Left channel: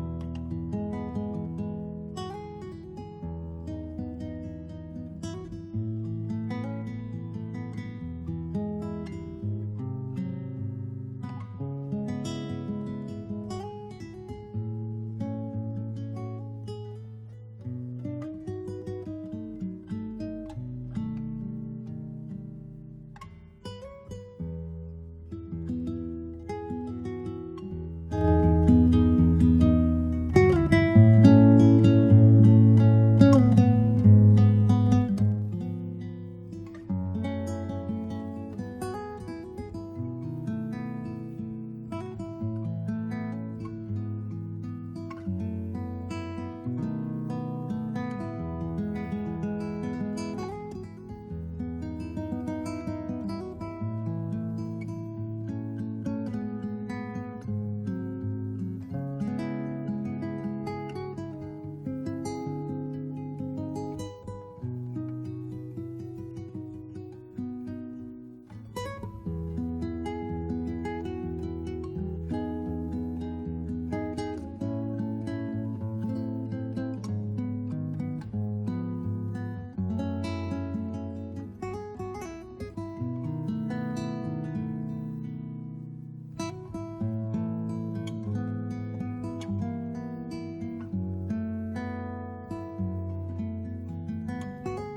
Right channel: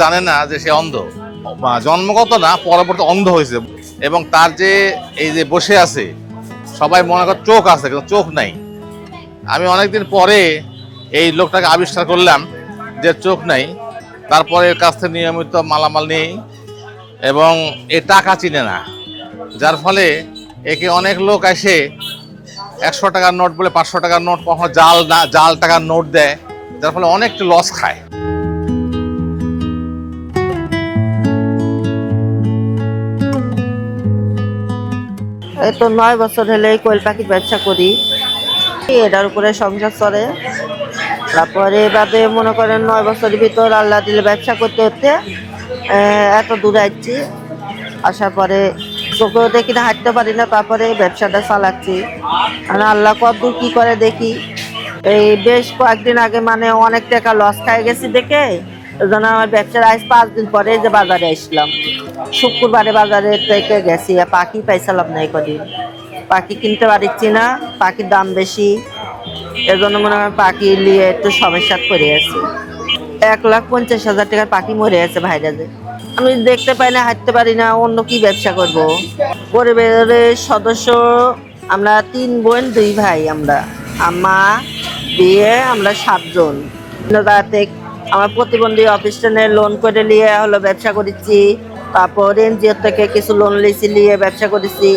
জানে না যে সে অন্ধ, জন্মগত না, পরবর্তী অন্ধ হয়েছে। এবং তার যে এই যে বসে আছে, সবাই মনে করে চোখ আছে, কিন্তু চোখ নাই। আমি অনেকদিন পরে এই লোকটাকে আবিষ্কার করলাম যে চোখ নাই। তারপরে এর কাছ থেকে নিয়মিত মালামাল নেই এবং এ টাকা চিনে না, যার ফলে একে অনেক লোক এসে 100 টাকার নোট বলে 500 টাকার নোট, কখনো জাল টাকার নোট দেয়, যার ফলে অনেক লস খায়। এই তো 9 বছর হলে এই কোয়েল পাখির ব্যবসা করি, এটার উপরে সংসার চলে। তারপরে এবারে মনে করেন 9 বছরের ভিতর আল্লাহ দিলে ব্যবসা করতে করতে এত দূরে আসছি। আসার পরে চোখেও দেখি না, হাঁটতে পারি না, তারপরে ব্যবসাটা চালাচ্ছি। আর আল্লাহ কতদূর কি করে দেখি। এই বেশ কয়েকদিন আগে মানে অনেক টাকা লস খাই গেছি দেখে, ওই আমার ব্যবসার আজ 5 দিন পরে যে বাজারে আসলাম। শুক্রবারে বাজারে থেকে গেছি, পাখি পাইছিলাম না। এই কদিন পাখি কিনতে পারছি না, পাখির দাম বেশি, এজন্য মনে হয় পাখি নিয়ে একটু সমস্যা করে আছে। 1,50,000 টাকার পাখি মরে আছে ভাইরাজে। আমি দেখতে পাই না, হাঁটতে পারি না, অন্য কি ব্যবসা করব। পরিবারের সদস্য আমরা 3 বোন 2 ভাই, আমরা মা বিয়ে, আমরা 7 জন। রাতে আমার প্রতিবন্ধী অফিসে লোন করে নিয়ে হলো ব্যবসা করেছি। তারপর এনজিও থেকে কিছু লোন লিয়েছি, নিয়ে ব্যবসা করেছি।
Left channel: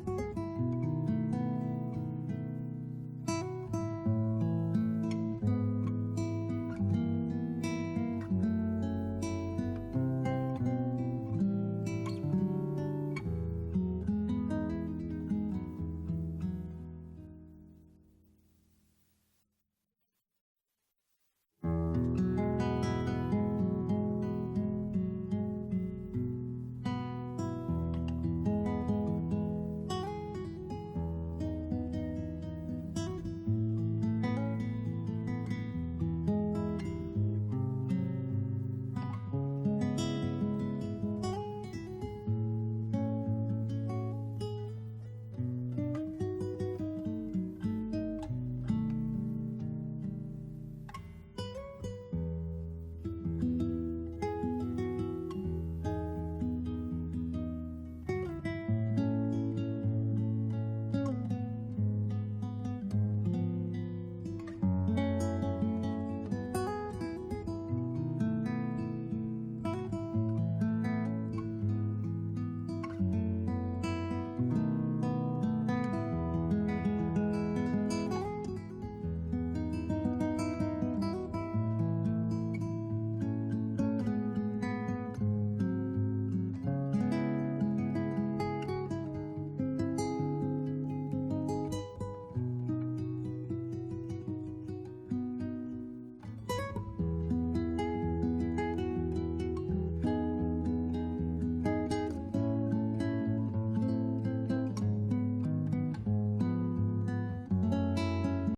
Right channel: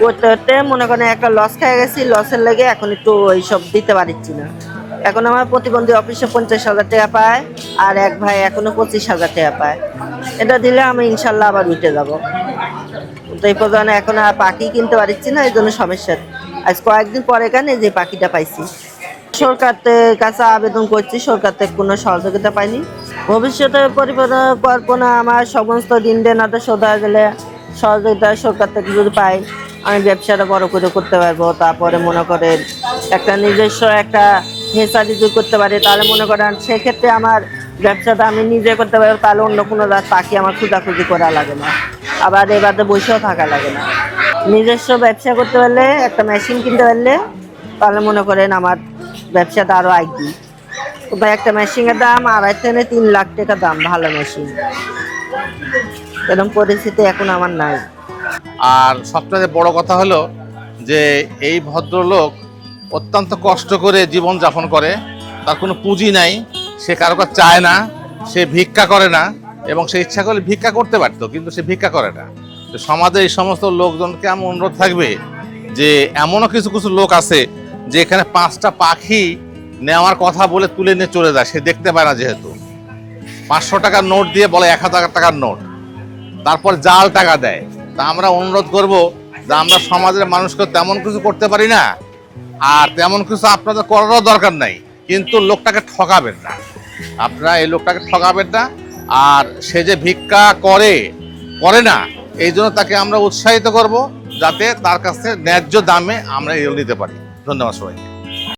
করতে করতে মনে করেন একটা লস খেয়ে গেছি, লসের লেগে এখন একটু ওইসব দিতে পারছি না। এখন আমার প্রতিবন্ধী অফিসে 50,000 টাকা পায়, আর এক ভাই এখনো 25,000 টাকা পায়। এটা দিলে আমি ইনশাল্লাহ আবার উঠে যাবো। তো এই পর্যন্ত এখন আর পাখি কিনতে পারছি না, এই জন্য সমস্যা। আজ কয়েকদিন পরে কেন যে পাখিটা পাইছি। সরকারের কাছে আবেদন করছি, সরকার থেকে কোনো সহযোগিতা পাইনি। ভবিষ্যতে পরিকল্পনা আমার সমস্ত ঋণ দেনাটা শোধ হয়ে গেলে সহযোগিতা সরকার থেকে যদি পাই, আমি ব্যবসাটা বড় করে করতে পারবো। তারপরে মনে করেন একটা নিজস্ব একটা হেসারি যদি করতে পারি, তাহলে মনে করেন সেক্ষেত্রে আমার ব্যবসাটা আমি নিজে করতে পারবো। তাহলে অন্য কোনো পাখি আমার খোঁজাখুঁজি করা লাগে না, আবার এবারে বসেও থাকা লাগে না। নিজস্ব ব্যবসা করতে পারলে, একটা মেশিন কিনতে পারলে, তাহলে মনে করেন আমার ব্যবসাটা আরো এগিয়ে। ভাই একটা মেশিনের দাম 2.5 থেকে 3 লাখ টাকা দাম, ভালো মেশিন। এরকম পরিস্থিতি এখন আমার নাই। আর সবচেয়ে বড় কথা হলো যে এই ভদ্রলোক অত্যন্ত কষ্ট করে জীবন যাপন করে, তার কোনো পুঁজি নাই, সে কারো কাছে চায় না, সে ভিক্ষা করে না। এবং সে ইচ্ছা করলে ভিক্ষা করতে পারতো, কিন্তু সে ভিক্ষা করে না। তো সমাজে এই সমস্ত লোকজনকে আমার অনুরোধ থাকবে যে এমনও কিছু কিছু লোক আছে যে এখানে 5টা পাখি নেওয়ার কথা বলে তুলে নিয়ে চলে যায়, সে দেখতে পায় না, যেহেতু 500 টাকার নোট দিয়ে বলে 1,000 টাকার নোট, তারপর জাল টাকা দেয়। তা আমরা অনুরোধ করব যে আমরা সমাজের মানুষকে তেমন কিছু করতে পারি না, আর তেমন কিছু আপনাদের করারও দরকার নাই, কিন্তু লোকটাকে ঠকাবেন না। আপনারা এই লোকটাকে ঠকাবেন না। আর সে যে ভিক্ষা করে না, এই জন্য তাকে আমরা উৎসাহিত করব, যাতে তার কাছে ন্যায্য দামে আমরা এগুলো নিতে পারি। ধন্যবাদ সবাইকে।